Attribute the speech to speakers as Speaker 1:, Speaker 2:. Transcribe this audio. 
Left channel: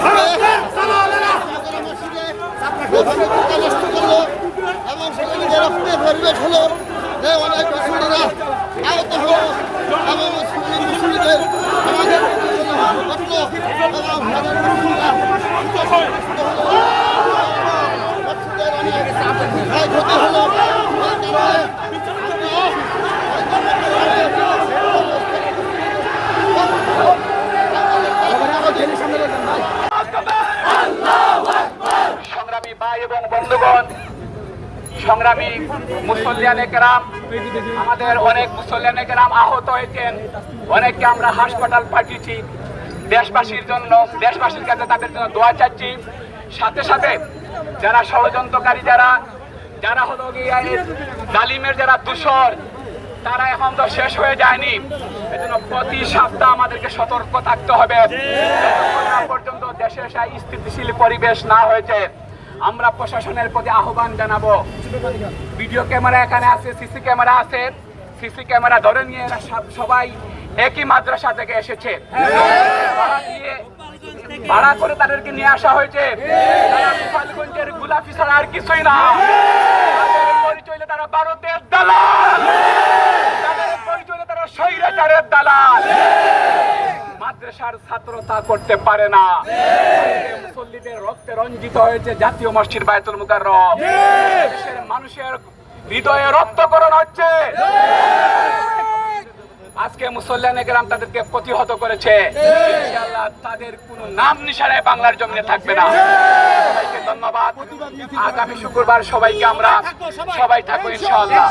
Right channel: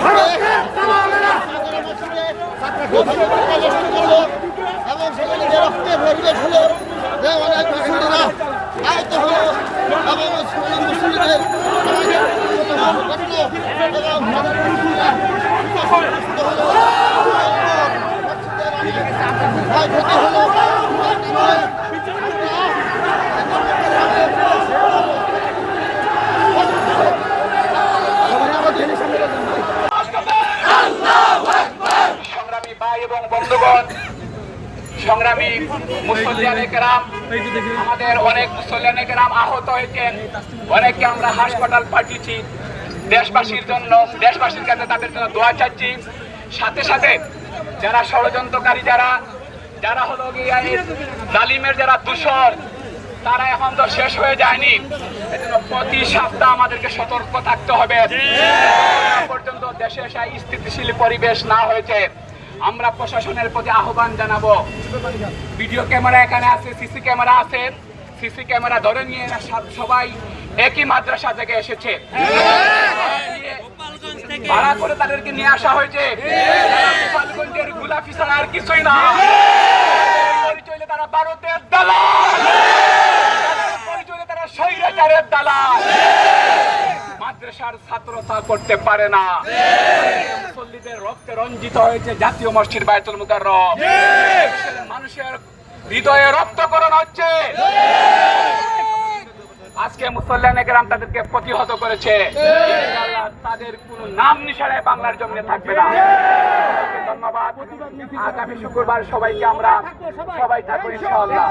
Speaker 1: ভারতের আমি আজকে দেশীয় এবং সেখানে যে মুসলিমরা হলো
Speaker 2: ভাই এবং বন্ধুগণ, সংগ্রামী মুসল্লিয়ানে কেরাম, আমাদের অনেক মুসল্লিয়ানে কেরাম আহত হয়েছেন। অনেককে আমরা হাসপাতাল পাঠিয়েছি। দেশবাসীর জন্য, দেশবাসীর কাছে তাদের জন্য দোয়া চাচ্ছি। সাথে সাথে যারা ষড়যন্ত্রকারী, যারা যারা হলো এই যারা দূষণ তারা এখন তো শেষ হয়ে যায়নি। এজন্য প্রতি সপ্তাহ আমাদেরকে সতর্ক থাকতে হবে। পর্যন্ত দেশে স্থিতিশীল পরিবেশ না হয়েছে। আমরা প্রশাসনের প্রতি আহ্বান জানাব। ভিডিও ক্যামেরা এখানে আছে, সিসি ক্যামেরা আছে। সিসি ক্যামেরা ধরে নিয়ে এরা সবাই একই মাদ্রাসা থেকে এসেছে। ভাড়া করে তাদেরকে নিয়ে আসা হয়েছে। গোপালগঞ্জের গুলাফি ছাড়া আর কিছুই না। পরিচয় তারা ভারতের দালাল। পরিচয় তারা স্বৈরাচারের দালাল। মাদ্রাসার ছাত্রতা করতে পারে না। মুসল্লিদের রক্তে রঞ্জিত হয়েছে জাতীয় মসজিদ বায়তুল দেশের মানুষের হৃদয়ে রক্তকরণ হচ্ছে। আজকে মুসল্লানে গ্রাম তাদেরকে প্রতিহত করেছে। তাদের কোনো নাম নিশানায় বাংলার জমিনে থাকবে না। ধন্যবাদ। আগামী শুক্রবার সবাইকে আমরা সবাই থাকব ইনশাআল্লাহ।